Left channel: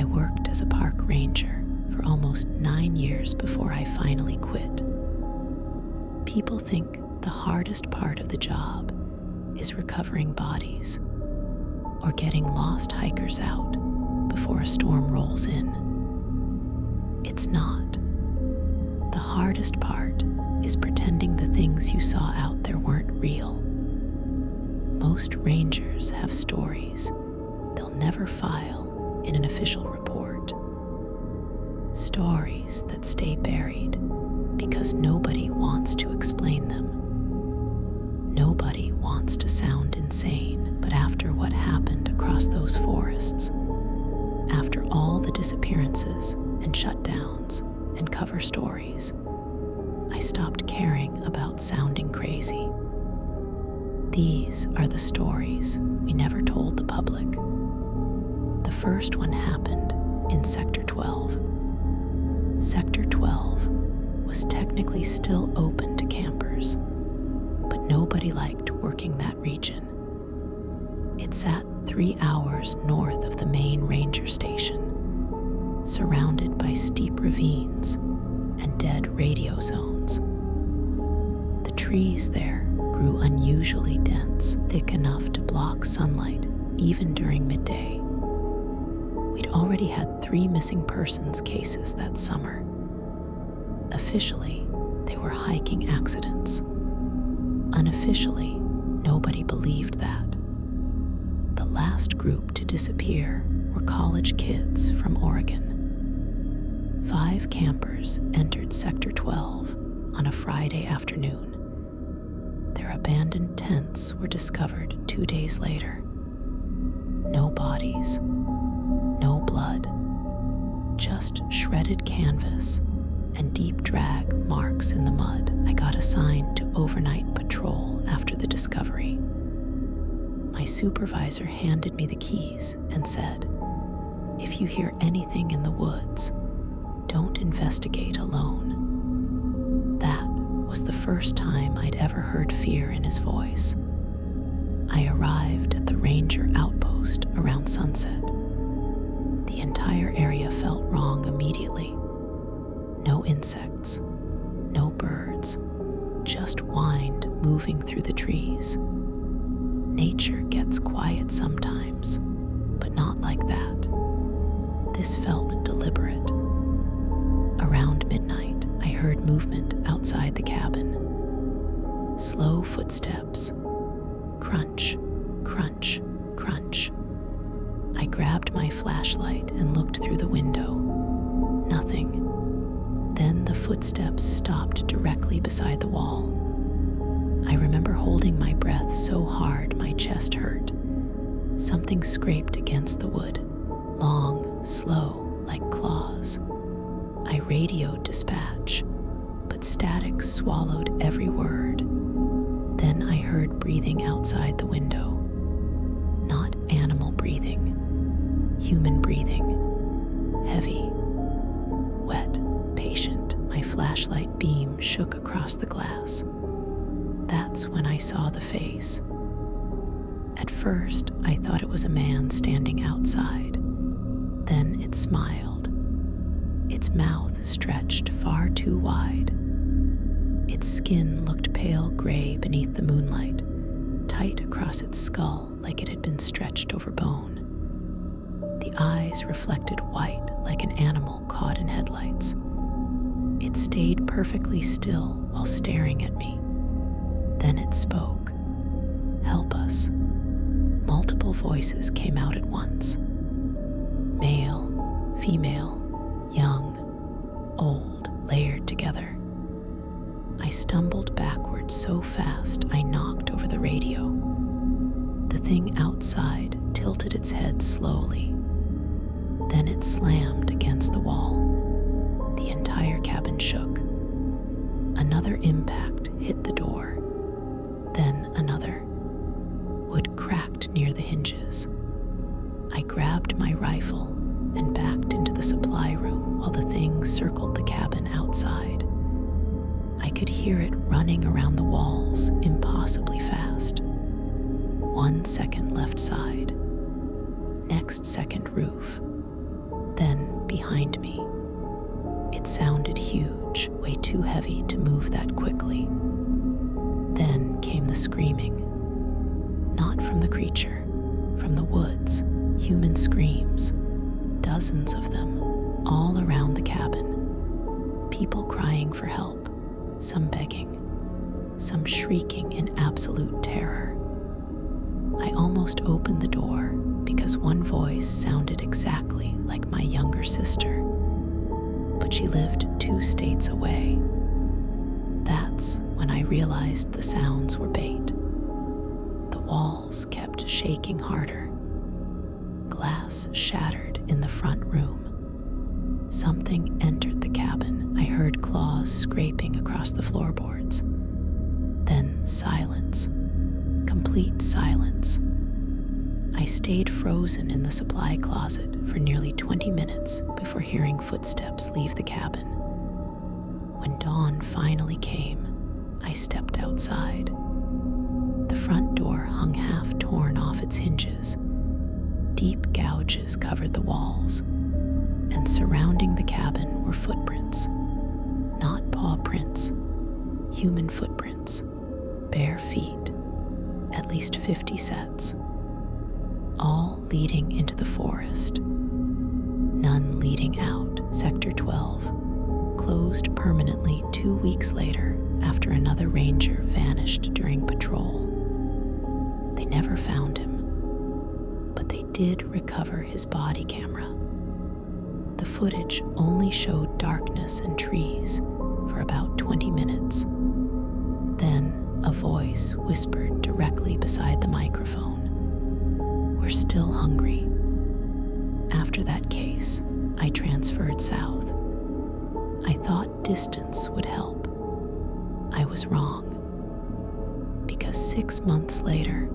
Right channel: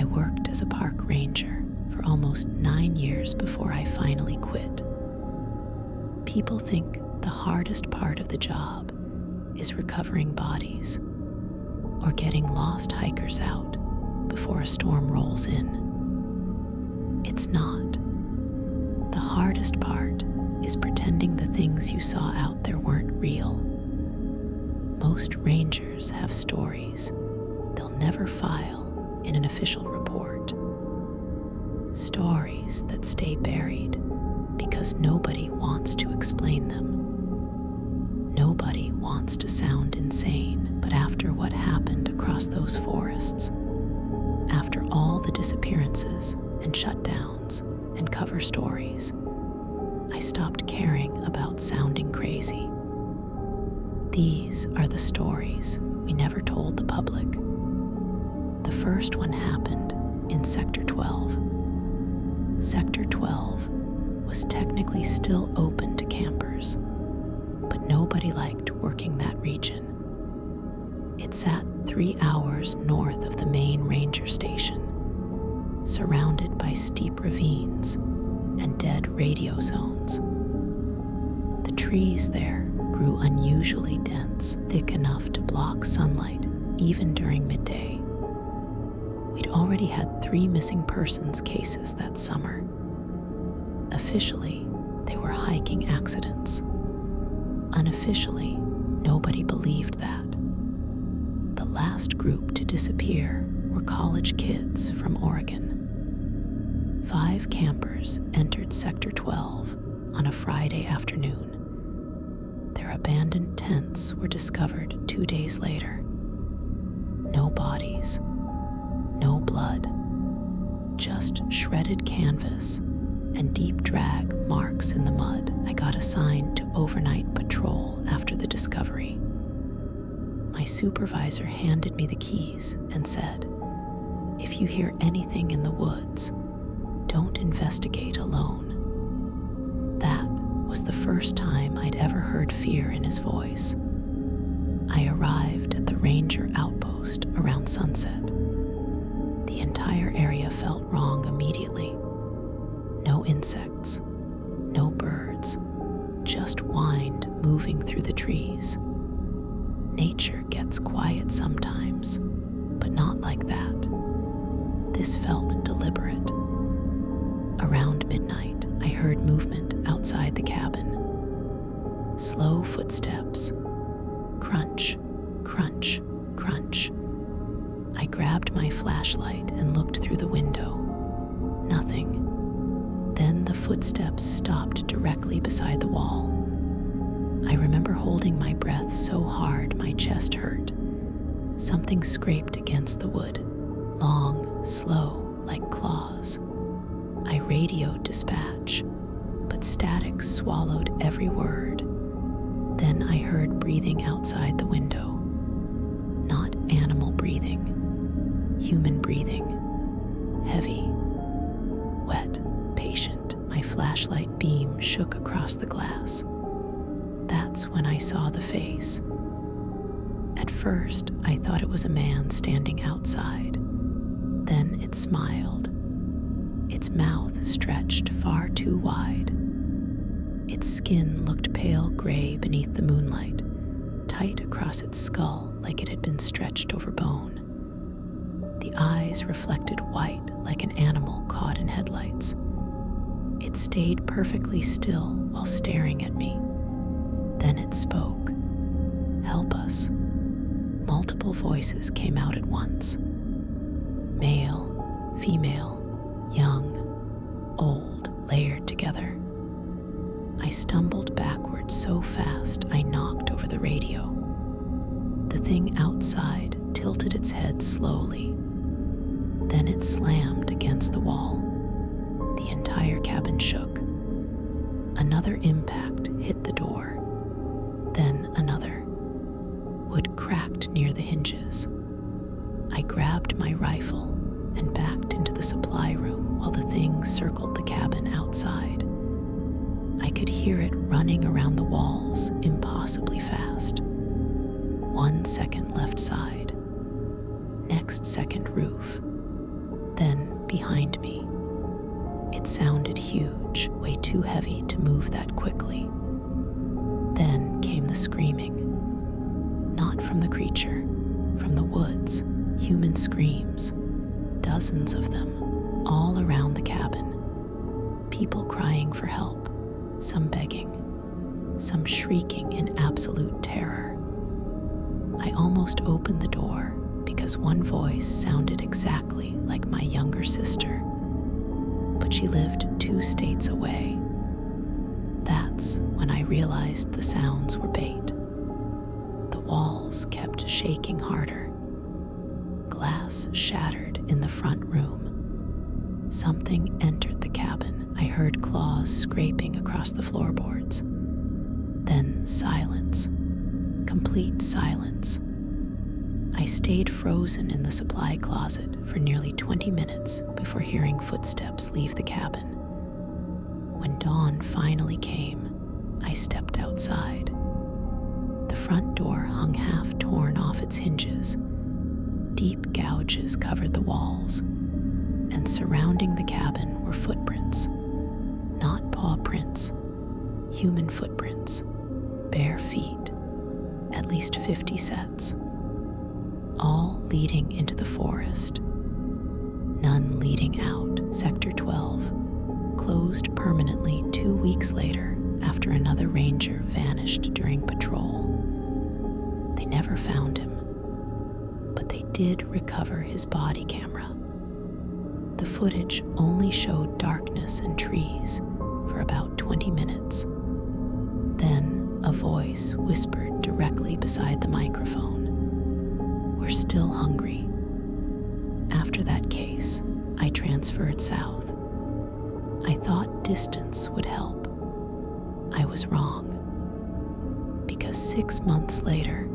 I worked as a park ranger for almost 9 years before I finally quit. People think the hardest part of the job is recovering bodies or getting lost hikers out before a storm rolls in. It's not. The hardest part is pretending the things you saw out there weren't real. Most rangers have stories they'll never file in an official report. Stories that stay buried because nobody wants to explain them. Nobody wants to sound insane, but after what happened across those forests, after all the disappearances and shutdowns and cover stories, I stopped caring about sounding crazy. These are the stories we never told the public. The first one happened in Sector 12. Sector 12 was technically still open to campers, but nobody liked working that region. It sat 3 hours north of the main ranger station, surrounded by steep ravines and dead radio zones. The trees there grew unusually dense, thick enough to block sunlight even during midday. We'd already had 3 missing persons cases that summer. Officially, they were hiking accidents. Unofficially, nobody believed that. The last group to disappear were college kids from Oregon. 5 campers entered Sector 12 on a Friday afternoon. Their abandoned tents were discovered 2 days later. No bodies, no blood, just shredded canvas and deep drag marks in the mud. I got assigned to overnight patrol after the discovery. My supervisor handed me the keys and said, "If you hear anything in the woods, don't investigate alone." That was the first time I'd ever heard fear in his voice. I arrived at the ranger outpost around sunset. The entire area felt wrong immediately. No insects, no birds, just wind moving through the trees. Nature gets quiet sometimes, but not like that. This felt deliberate. Around midnight, I heard movement outside the cabin. Slow footsteps. Crunch, crunch, crunch. I grabbed my flashlight and looked through the window. Nothing. Then the footsteps stopped directly beside the wall. I remember holding my breath so hard my chest hurt. Something scraped against the wood, long, slow, like claws. I radioed dispatch, but static swallowed every word. Then I heard breathing outside the window. Not animal breathing, human breathing. Heavy, wet, patient. My flashlight beam shook across the glass. That's when I saw the face. At first, I thought it was a man standing outside. Then it smiled. Its mouth stretched far too wide. Its skin looked pale gray beneath the moonlight, tight across its skull like it had been stretched over bone. The eyes reflected white like an animal caught in headlights. It stayed perfectly still while staring at me. Then it spoke. "Help us." Multiple voices came out at once. Male, female, young, old, layered together. I stumbled backwards so fast I knocked over the radio. The thing outside tilted its head slowly. Then it slammed against the wall. The entire cabin shook. Another impact hit the door. Then another. Wood cracked near the hinges. I grabbed my rifle and backed into the supply room while the thing circled the cabin outside. I could hear it running around the walls impossibly fast. 1 second left side. Next second roof. Then, behind me, it sounded huge, way too heavy to move that quickly. Then came the screaming. Not from the creature, from the woods, human screams, dozens of them, all around the cabin. People crying for help, some begging, some shrieking in absolute terror. I almost opened the door because one voice sounded exactly like my younger sister, but she lived 2 states away. That's when I realized the sounds were bait. The walls kept shaking harder. Glass shattered in the front room. Something entered the cabin. I heard claws scraping across the floorboards. Then silence. Complete silence. I stayed frozen in the supply closet for nearly 20 minutes before hearing footsteps leave the cabin. When dawn finally came, I stepped outside. The front door hung half torn off its hinges. Deep gouges covered the walls, and surrounding the cabin were footprints. Not paw prints, human footprints, bare feet, at least 50 sets, all leading into the forest. None leading out. Sector 12 closed permanently 2 weeks later after another ranger vanished during patrol. They never found him, but they did recover his body camera. The footage only showed darkness and trees for about 20 minutes. Then a voice whispered directly beside the microphone, "We're still hungry." After that case, I transferred south. I thought distance would help. I was wrong, because 6 months later,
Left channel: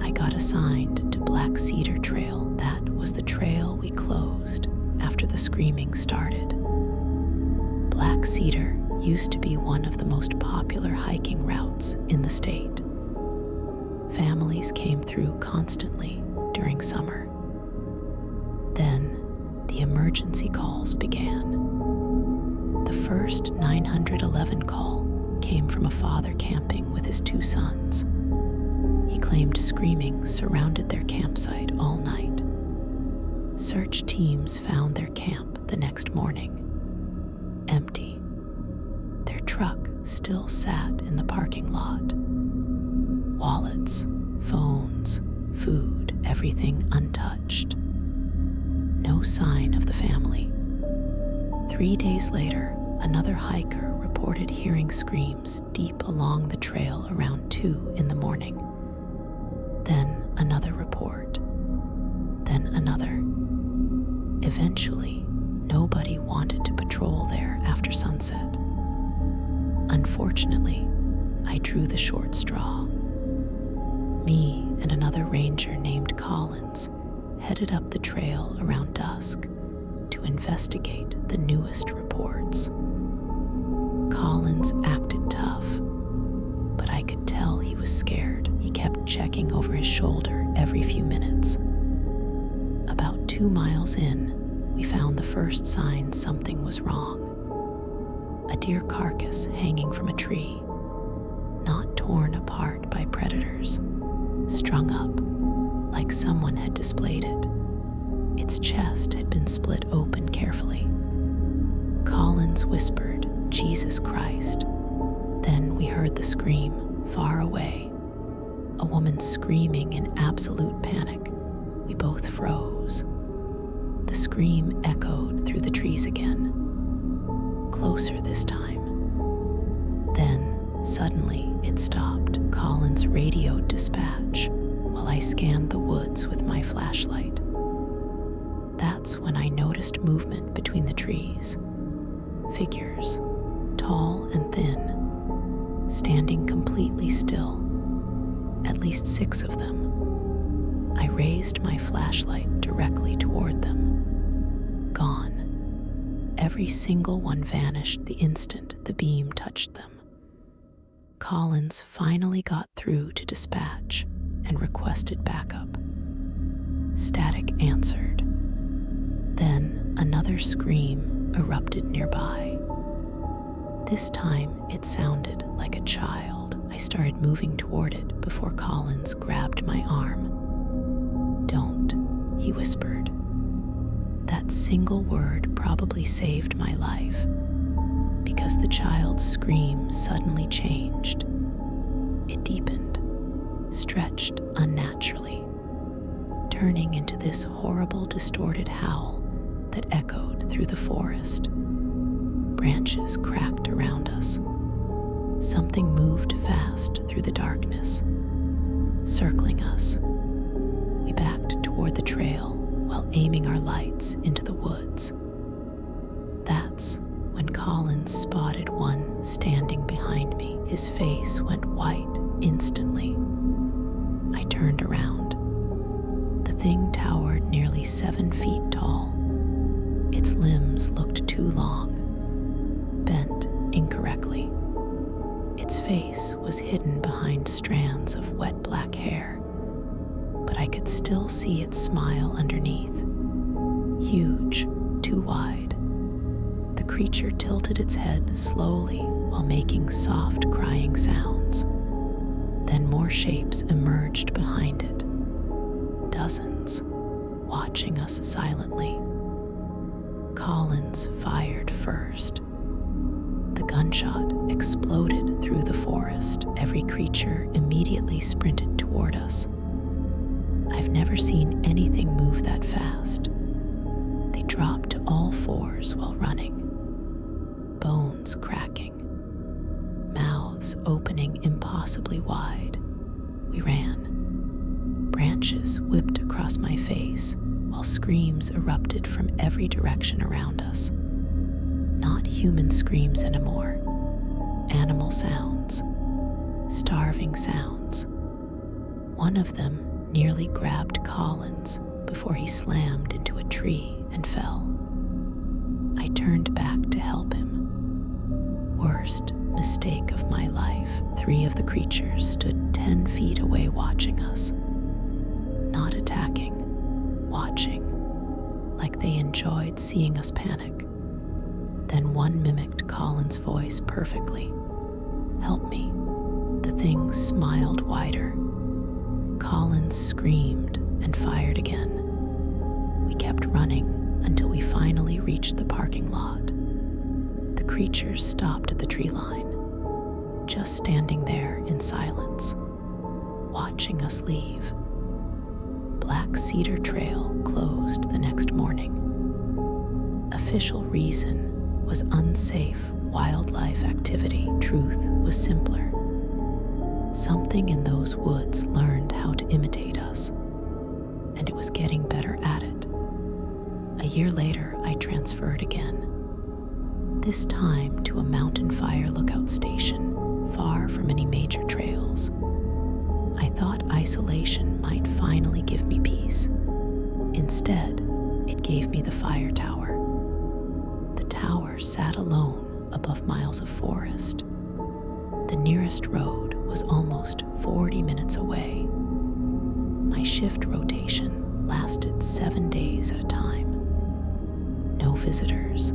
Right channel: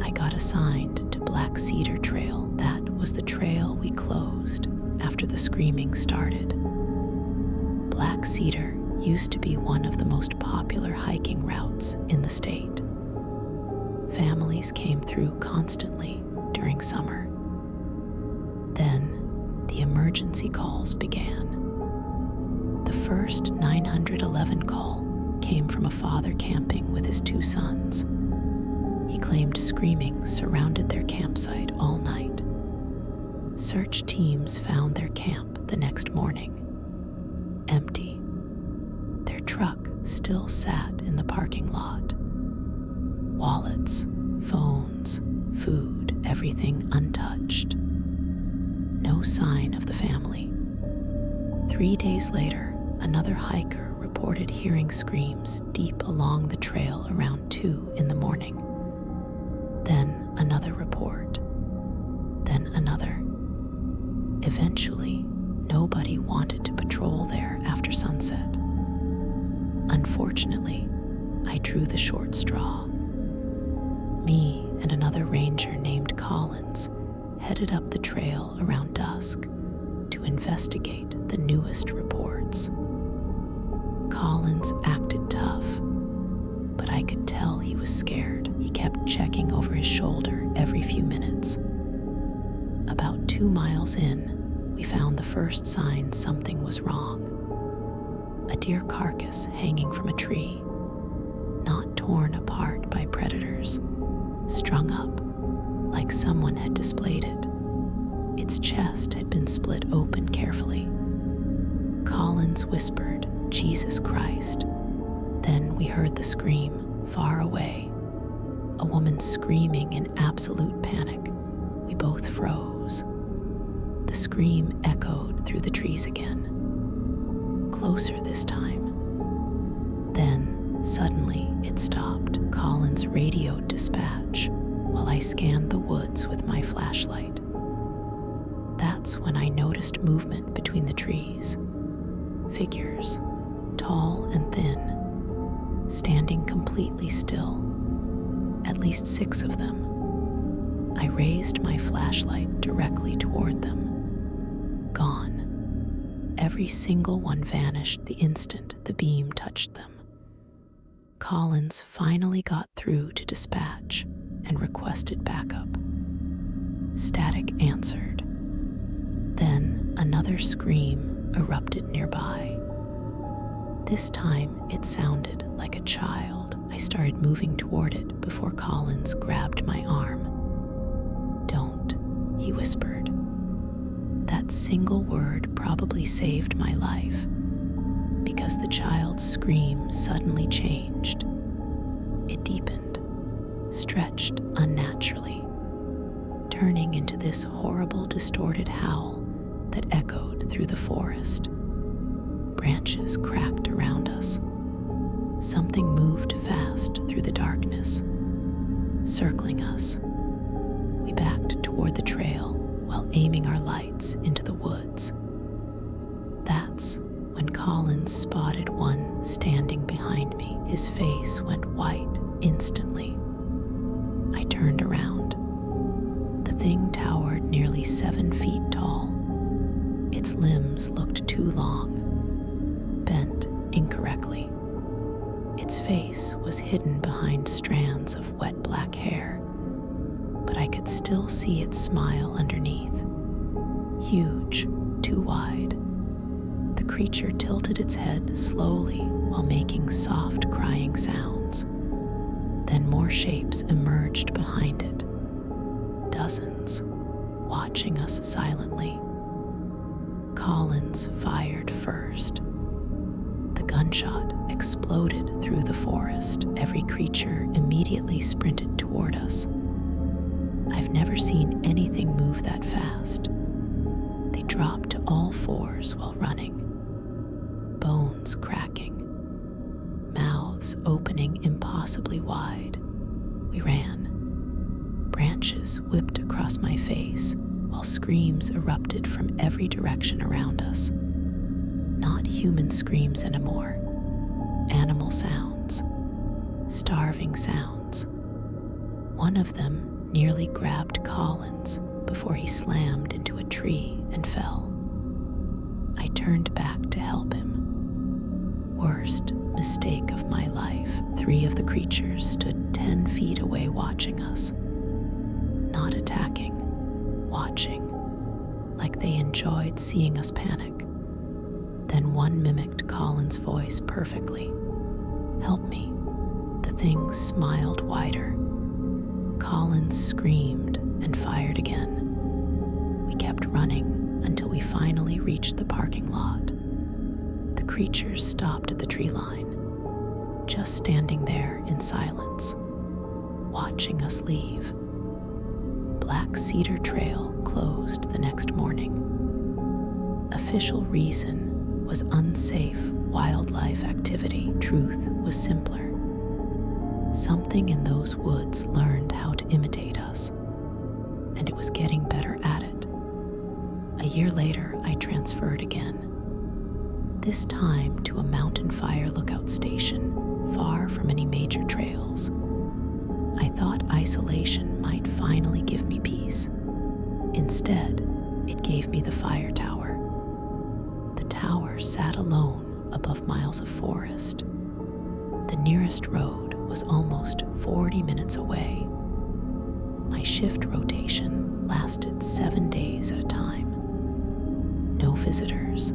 I got assigned to Black Cedar Trail. That was the trail we closed after the screaming started. Black Cedar used to be one of the most popular hiking routes in the state. Families came through constantly during summer. Then the emergency calls began. The first 911 call came from a father camping with his 2 sons. He claimed screaming surrounded their campsite all night. Search teams found their camp the next morning, empty. Their truck still sat in the parking lot. Wallets, phones, food, everything untouched. No sign of the family. 3 days later, another hiker reported hearing screams deep along the trail around 2 in the morning. Then another report. Then another. Eventually, nobody wanted to patrol there after sunset. Unfortunately, I drew the short straw. Me and another ranger named Collins headed up the trail around dusk to investigate the newest reports. Collins acted tough, but I could tell he was scared. He kept checking over his shoulder every few minutes. About 2 miles in, we found the first sign something was wrong. A deer carcass hanging from a tree, not torn apart by predators, strung up like someone had displayed it. Its chest had been split open carefully. Collins whispered, "Jesus Christ." Then we heard the scream far away, a woman screaming in absolute panic. We both froze. The scream echoed through the trees again, closer this time. Then, suddenly, it stopped. Collins radioed dispatch while I scanned the woods with my flashlight. That's when I noticed movement between the trees. Figures, tall and thin, standing completely still, at least 6 of them. I raised my flashlight directly toward them. Gone. Every single one vanished the instant the beam touched them. Collins finally got through to dispatch and requested backup. Static answered. Then Another scream erupted nearby. This time it sounded like a child. I started moving toward it before Collins grabbed my arm. "Don't," he whispered. That single word probably saved my life, because the child's scream suddenly changed. It deepened, stretched unnaturally, turning into this horrible, distorted howl that echoed through the forest. Branches cracked around us. Something moved fast through the darkness, circling us. We backed toward the trail while aiming our lights into the woods. That's when Collins spotted one standing behind me. His face went white instantly. I turned around. The thing towered nearly 7 feet tall. Its limbs looked too long, bent incorrectly. Its face was hidden behind strands of wet black hair, but I could still see its smile underneath. Huge, too wide. The creature tilted its head slowly while making soft crying sounds. Then more shapes emerged behind it. Dozens, watching us silently. Collins fired first. The gunshot exploded through the forest. Every creature immediately sprinted toward us. I've never seen anything move that fast. They dropped to all fours while running, bones cracking, mouths opening impossibly wide. We ran. Branches whipped across my face while screams erupted from every direction around us. Not human screams anymore. Animal sounds. Starving sounds. One of them nearly grabbed Collins before he slammed into a tree and fell. I turned back to help him. Worst mistake of my life. 3 of the creatures stood 10 feet away watching us. Not attacking, watching, like they enjoyed seeing us panic. Then one mimicked Collins' voice perfectly. "Help me." The thing smiled wider. Collins screamed and fired again. We kept running until we finally reached the parking lot. The creatures stopped at the tree line, just standing there in silence, watching us leave. Black Cedar Trail closed the next morning. Official reason was unsafe wildlife activity. Truth was simpler. Something in those woods learned how to imitate us, and it was getting better at it. A year later, I transferred again, this time to a mountain fire lookout station far from any major trails. I thought isolation might finally give me peace. Instead, it gave me the fire tower. The tower sat alone above miles of forest. The nearest road was almost 40 minutes away. My shift rotation lasted 7 days at a time. No visitors,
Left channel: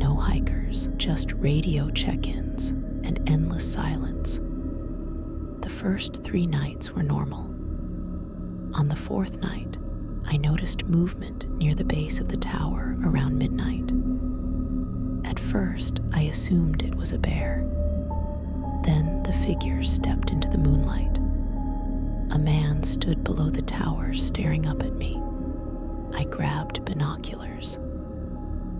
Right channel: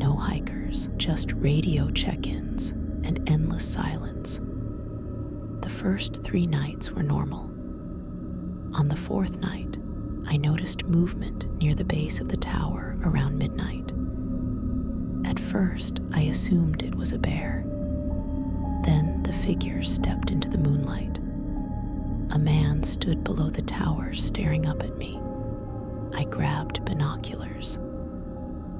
no hikers, just radio check-ins and endless silence. The first 3 nights were normal. On the 4th night, I noticed movement near the base of the tower around midnight. At first, I assumed it was a bear. Then the figure stepped into the moonlight. A man stood below the tower staring up at me. I grabbed binoculars.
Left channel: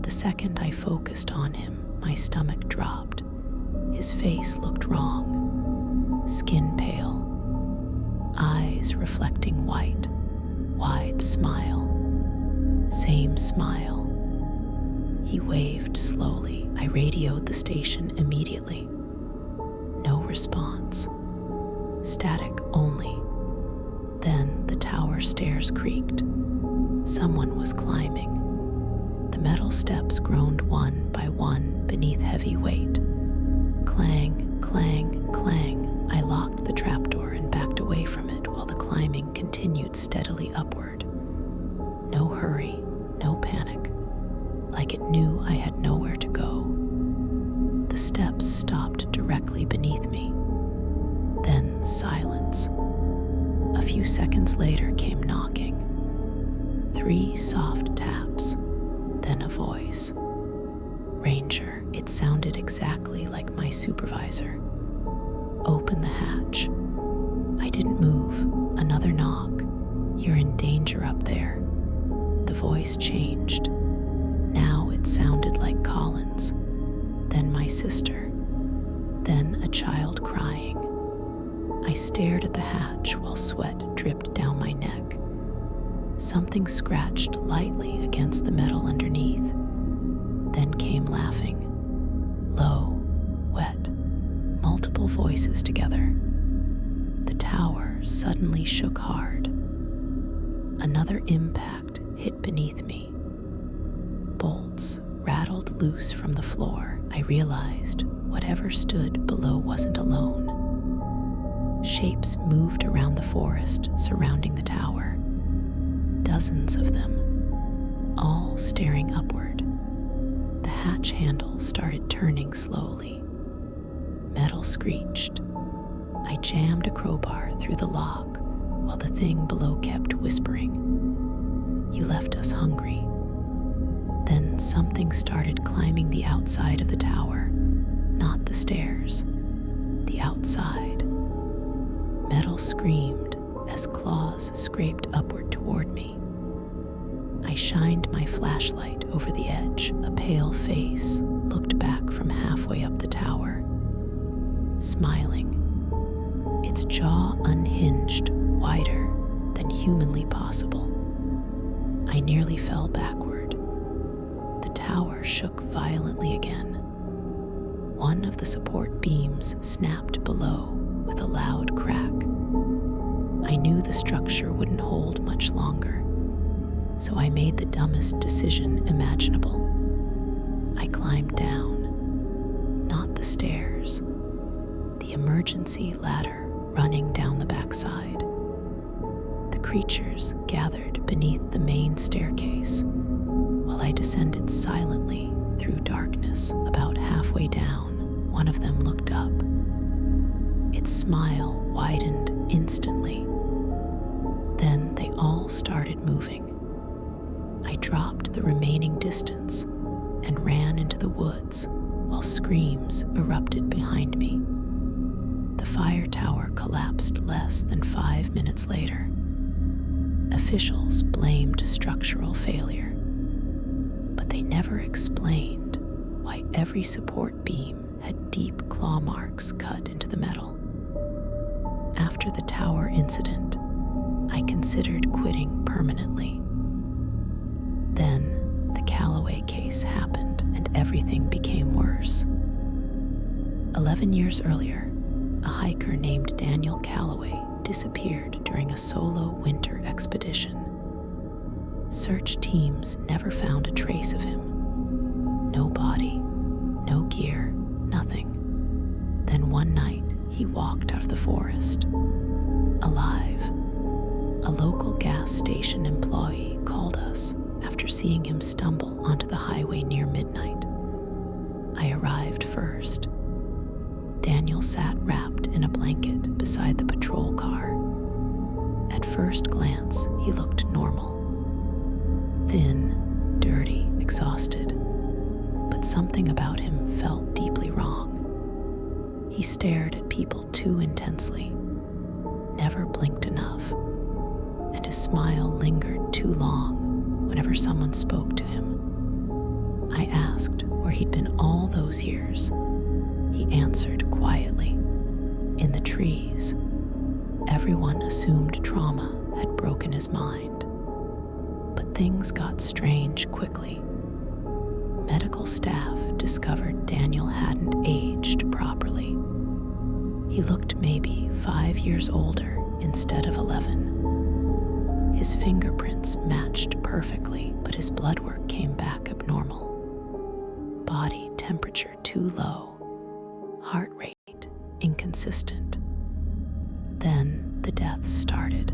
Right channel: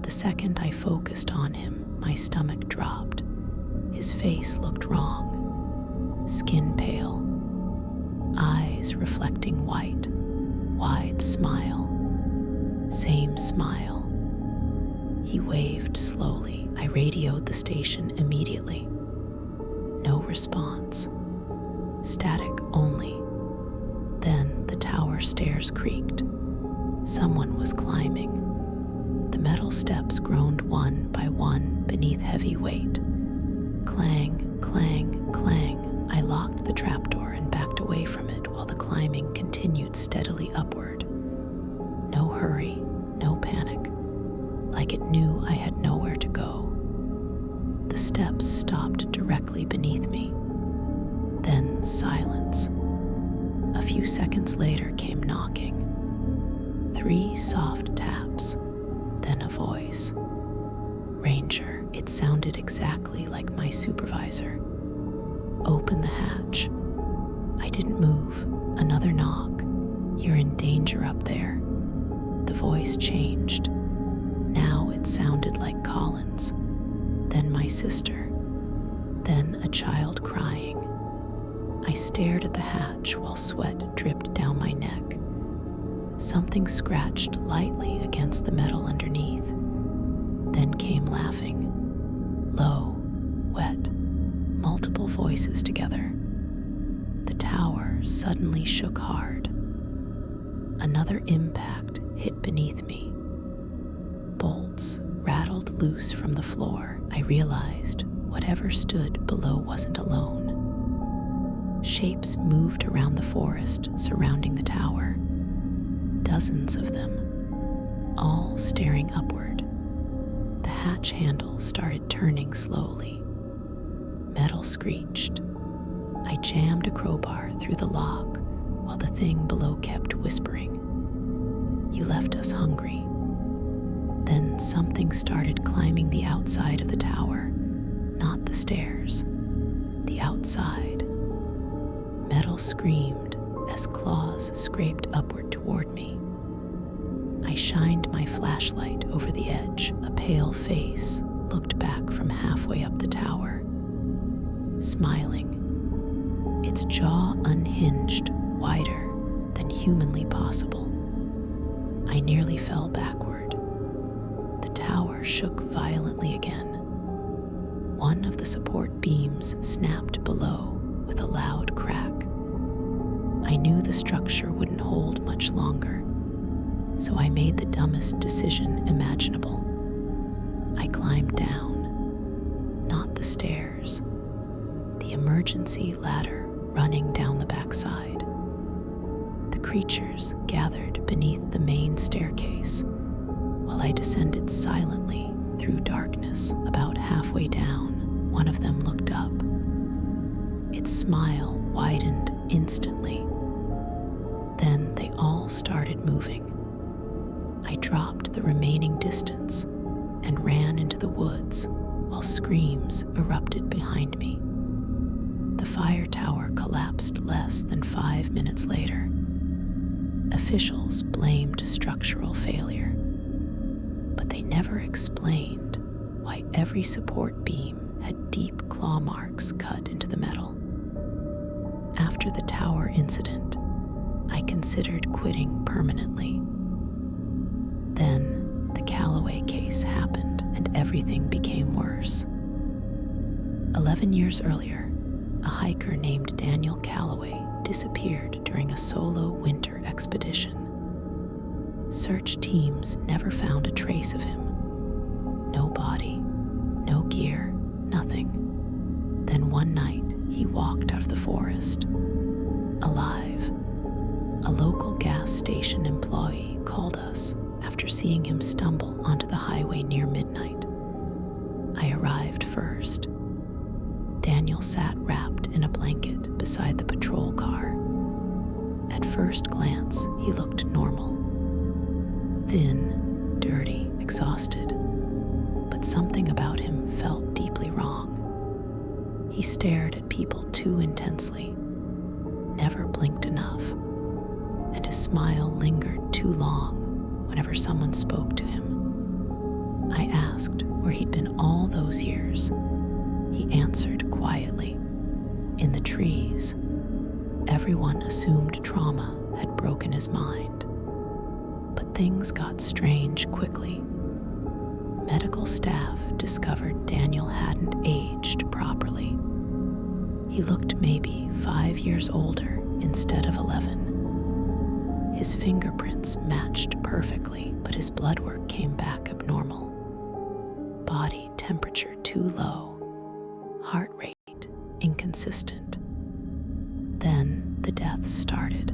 The second I focused on him, my stomach dropped. His face looked wrong. Skin pale, eyes reflecting white, wide smile. Same smile. He waved slowly. I radioed the station immediately. No response. Static only. Then the tower stairs creaked. Someone was climbing. The metal steps groaned one by one beneath heavy weight. Clang, clang, clang. I locked the trapdoor and backed away from it while the climbing continued steadily upward. No hurry, no panic. like it knew I had nowhere to go. The steps stopped directly beneath me. Then silence. A few seconds later came knocking. 3 soft taps, then a voice. "Ranger," it sounded exactly like my supervisor. "Open the hatch." I didn't move. Another knock. "You're in danger up there." The voice changed. Now it sounded like Colin's, then my sister, then a child crying. I stared at the hatch while sweat dripped down my neck. Something scratched lightly against the metal underneath. Then came laughing. Low, wet, multiple voices together. The tower suddenly shook hard. Another impact hit beneath me. Bolts rattled loose from the floor. I realized whatever stood below wasn't alone. Shapes moved around the forest surrounding the tower. Dozens of them, all staring upward. The hatch handle started turning slowly. Metal screeched. I jammed a crowbar through the lock while the thing below kept whispering, "You left us hungry." Then something started climbing the outside of the tower, not the stairs, the outside. Metal screamed as claws scraped upward toward me. I shined my flashlight over the edge. A pale face looked back from halfway up the tower, smiling, its jaw unhinged, wider than humanly possible. I nearly fell backward. The tower shook violently again. One of the support beams snapped below with a loud crack. I knew the structure wouldn't hold much longer, so I made the dumbest decision imaginable. I climbed down, not the stairs, the emergency ladder running down the backside. The creatures gathered beneath the main staircase, while I descended silently through darkness. About halfway down, one of them looked up. Its smile widened instantly. Then they all started moving. I dropped the remaining distance and ran into the woods while screams erupted behind me. The fire tower collapsed less than 5 minutes later. Officials blamed structural failure, but they never explained why every support beam had deep claw marks cut into the metal. After the tower incident, I considered quitting permanently. Then the Calloway case happened and everything became worse. 11 years earlier, a hiker named Daniel Calloway disappeared during a solo winter expedition. Search teams never found a trace of him. No body, no gear, nothing. Then one night, he walked out of the forest, alive. A local gas station employee called us after seeing him stumble onto the highway near midnight. I arrived first. Daniel sat wrapped in a blanket beside the patrol car. At first glance, he looked normal. Thin, dirty, exhausted. But something about him felt deeply wrong. He stared at people too intensely, never blinked enough, and his smile lingered too long whenever someone spoke to him. I asked where he'd been all those years. He answered quietly, "In the trees." Everyone assumed trauma had broken his mind. But things got strange quickly. Medical staff discovered Daniel hadn't aged properly. He looked maybe 5 years older instead of 11. His fingerprints matched perfectly, but his blood work came back abnormal. Body temperature too low. Heart rate inconsistent. Then the deaths started.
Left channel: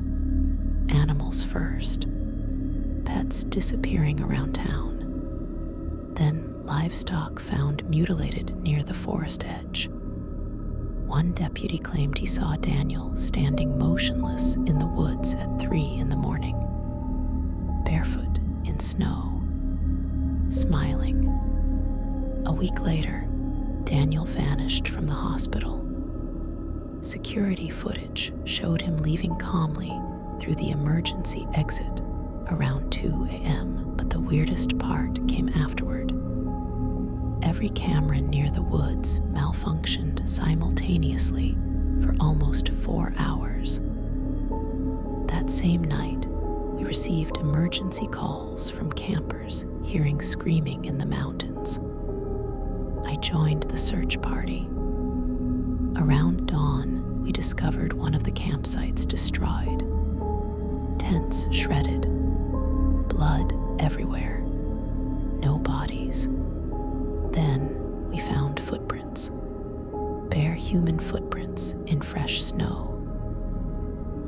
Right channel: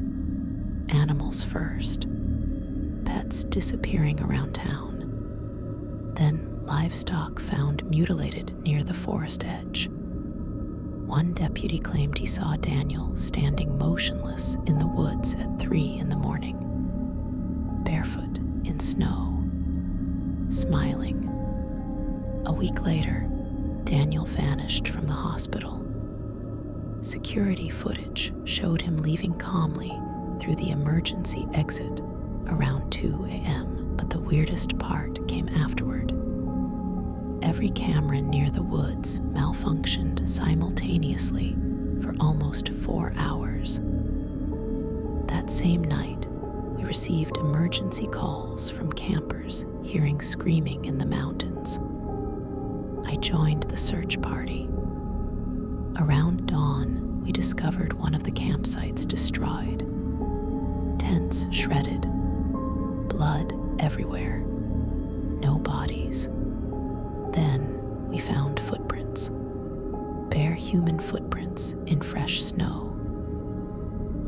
Animals first. Pets disappearing around town. Then livestock found mutilated near the forest edge. One deputy claimed he saw Daniel standing motionless in the woods at 3 in the morning, barefoot in snow, smiling. A week later, Daniel vanished from the hospital. Security footage showed him leaving calmly through the emergency exit around 2 a.m., but the weirdest part came afterward. Every camera near the woods malfunctioned simultaneously for almost 4 hours. That same night, we received emergency calls from campers hearing screaming in the mountains. I joined the search party. Around dawn, we discovered one of the campsites destroyed. Tents shredded. Blood everywhere. No bodies. Then we found footprints. Bare human footprints in fresh snow.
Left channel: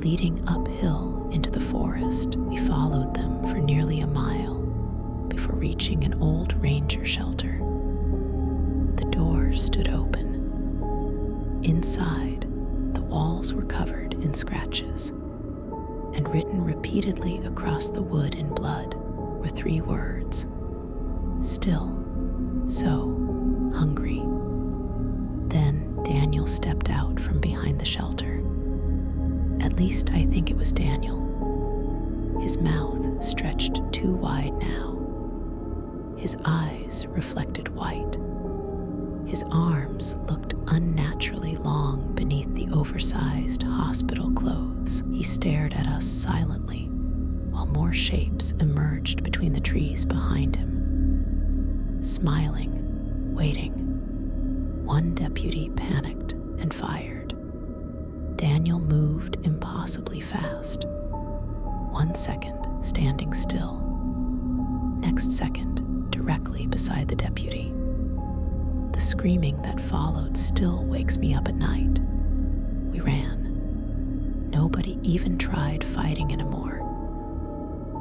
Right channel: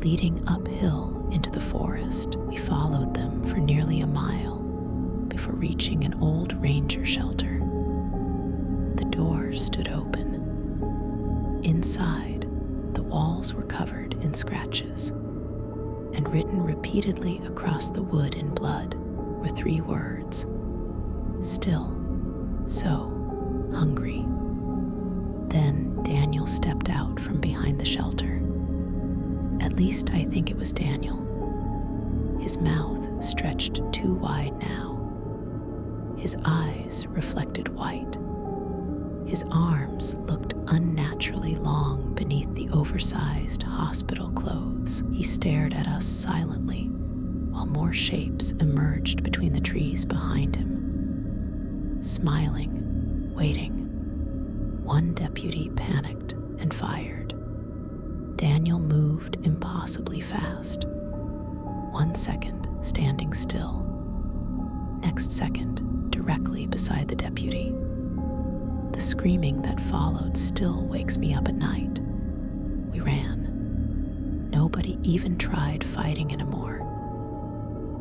Leading uphill into the forest, we followed them for nearly a mile before reaching an old ranger shelter. The door stood open. Inside, the walls were covered in scratches, and written repeatedly across the wood in blood were 3 words: still so hungry. Then Daniel stepped out from behind the shelter. At least I think it was Daniel. His mouth stretched too wide now. His eyes reflected white. His arms looked unnaturally long beneath the oversized hospital clothes. He stared at us silently while more shapes emerged between the trees behind him. Smiling, waiting. One deputy panicked and fired. Daniel moved impossibly fast. 1 second, standing still. Next second, directly beside the deputy. The screaming that followed still wakes me up at night. We ran. Nobody even tried fighting anymore.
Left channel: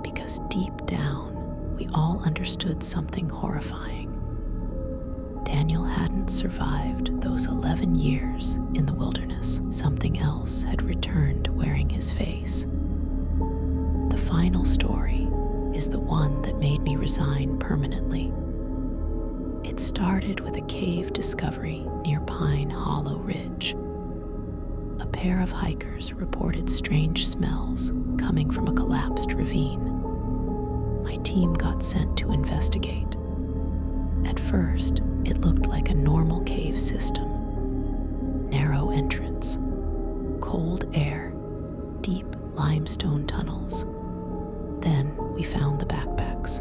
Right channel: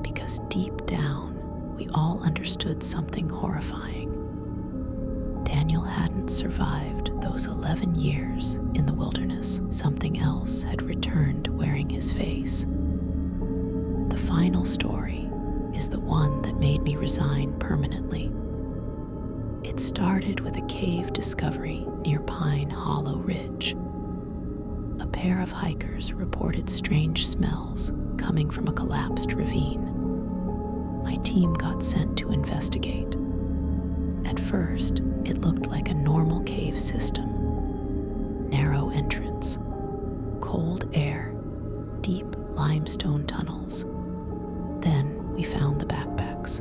Because deep down, we all understood something horrifying. Daniel hadn't survived those 11 years in the wilderness. Something else had returned wearing his face. The final story is the one that made me resign permanently. It started with a cave discovery near Pine Hollow Ridge. A pair of hikers reported strange smells coming from a collapsed ravine. My team got sent to investigate. At first, it looked like a normal cave system. Narrow entrance, cold air, deep limestone tunnels. Then we found the backpacks,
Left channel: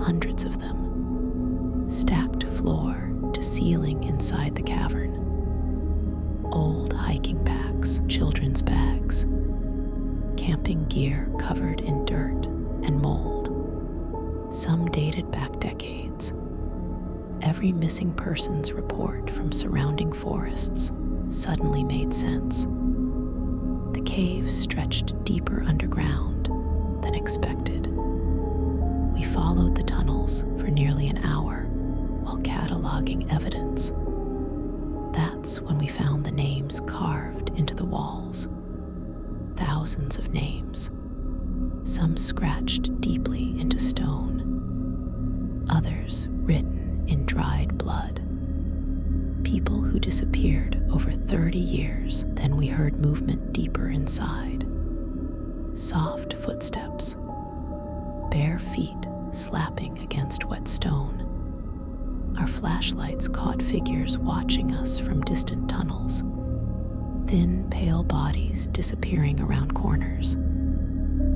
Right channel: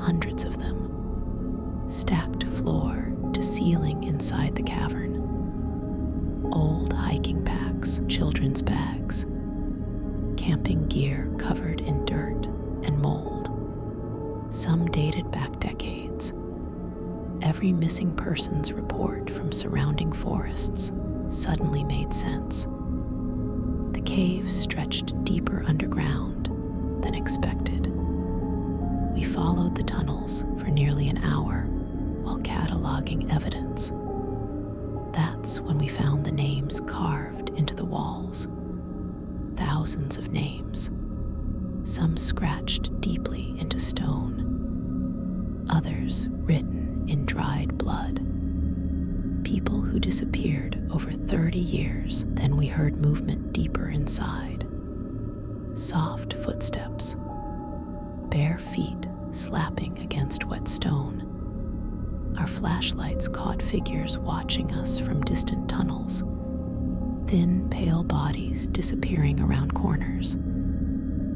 hundreds of them, stacked floor to ceiling inside the cavern. Old hiking packs, children's bags, camping gear covered in dirt and mold. Some dated back decades. Every missing persons report from surrounding forests suddenly made sense. The cave stretched deeper underground than expected. We followed the tunnels for nearly an hour while cataloging evidence. That's when we found the names carved into the walls. Thousands of names. Some scratched deeply into stone. Others written in dried blood. People who disappeared over 30 years. Then we heard movement deeper inside. Soft footsteps. Bare feet slapping against wet stone. Our flashlights caught figures watching us from distant tunnels. Thin, pale bodies disappearing around corners.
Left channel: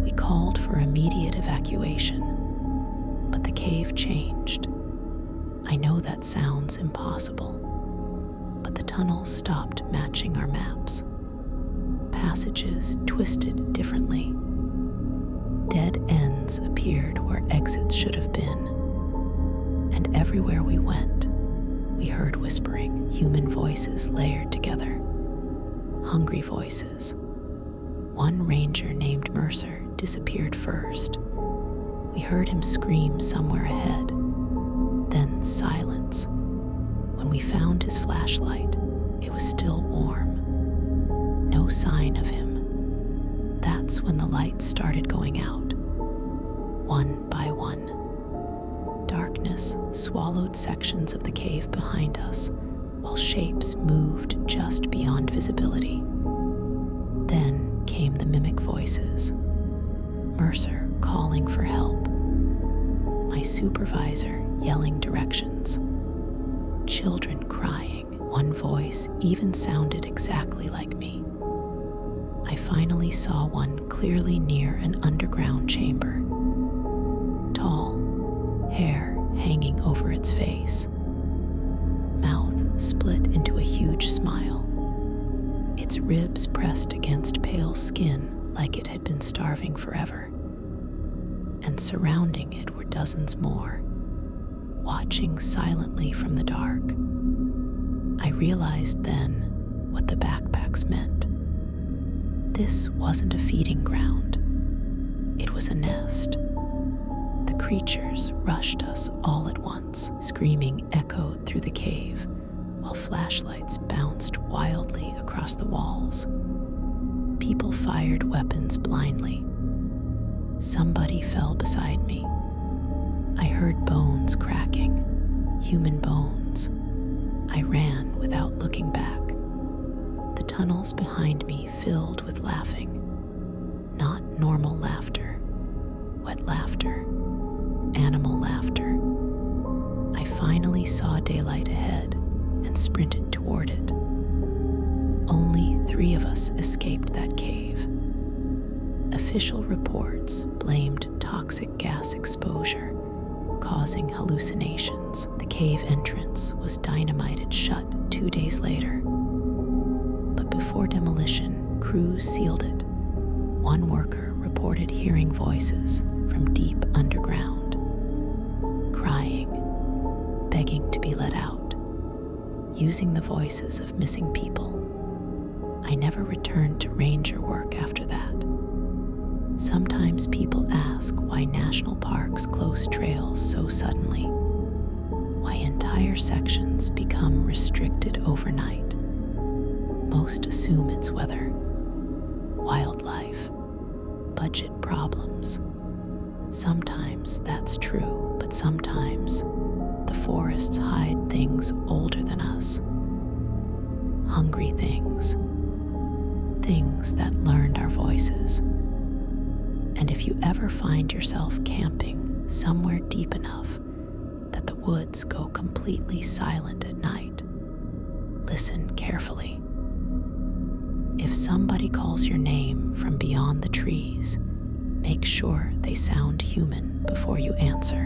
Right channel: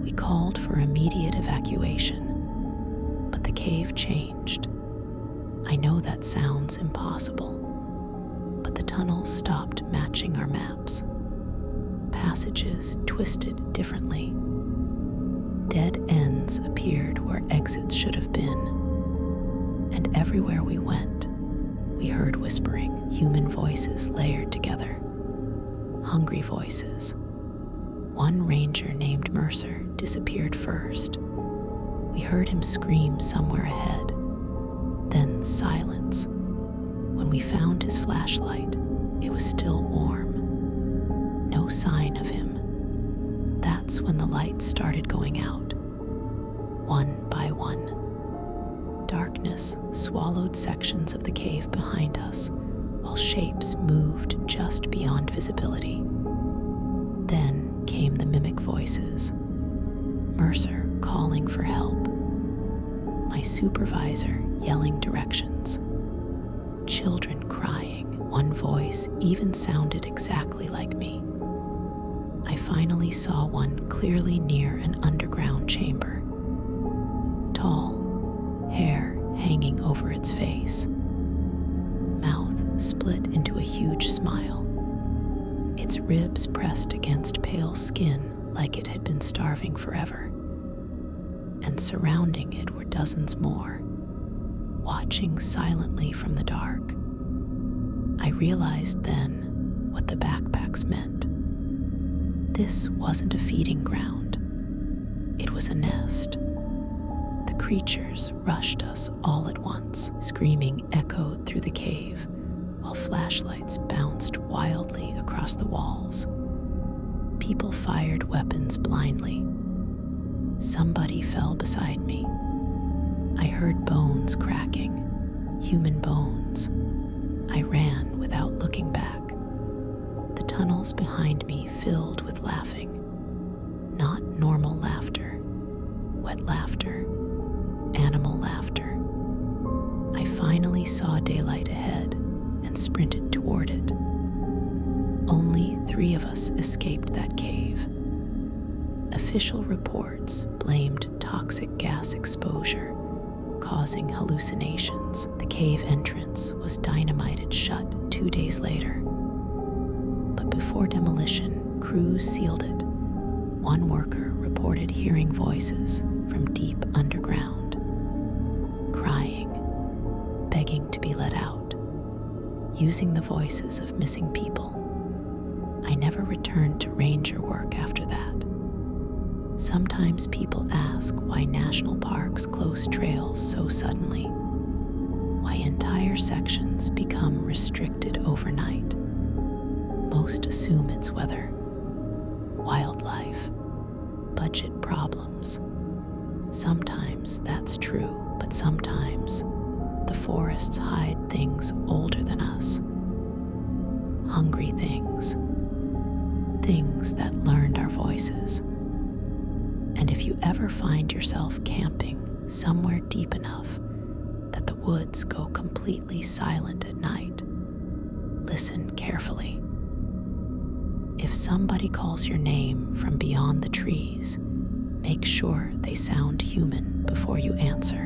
We called for immediate evacuation, but the cave changed. I know that sounds impossible, but the tunnels stopped matching our maps. Passages twisted differently. Dead ends appeared where exits should have been, and everywhere we went, we heard whispering, human voices layered together. Hungry voices. One ranger named Mercer disappeared first. We heard him scream somewhere ahead. Then silence. When we found his flashlight, it was still warm. No sign of him. That's when the lights started going out, one by one. Darkness swallowed sections of the cave behind us, while shapes moved just beyond visibility. Then came the mimic voices. Mercer calling for help. My supervisor yelling directions. Children crying. One voice even sounded exactly like me. I finally saw one clearly near an underground chamber. Tall, hair hanging over its face. Mouth split into a huge smile. Its ribs pressed against pale skin like it had been starving forever. And surrounding it were dozens more, watching silently from the dark. I realized then what the backpacks meant. This wasn't a feeding ground. It was a nest. The creatures rushed us all at once. Screaming echoed through the cave, while flashlights bounced wildly across the walls. People fired weapons blindly. Somebody fell beside me. I heard bones cracking, human bones. I ran without looking back. The tunnels behind me filled with laughing. Not normal laughter, wet laughter, animal laughter. I finally saw daylight ahead and sprinted toward it. Only 3 of us escaped that cave. Official reports blamed toxic gas exposure, causing hallucinations. The cave entrance was dynamited shut 2 days later. But before demolition, crews sealed it. One worker reported hearing voices from deep underground, crying, begging to be let out, using the voices of missing people. I never returned to ranger work after that. Sometimes people ask why national parks close trails so suddenly, why entire sections become restricted overnight. Most assume it's weather, wildlife, budget problems. Sometimes that's true, but sometimes the forests hide things older than us. Hungry things, things that learned our voices. And if you ever find yourself camping somewhere deep enough that the woods go completely silent at night, listen carefully. If somebody calls your name from beyond the trees, make sure they sound human before you answer.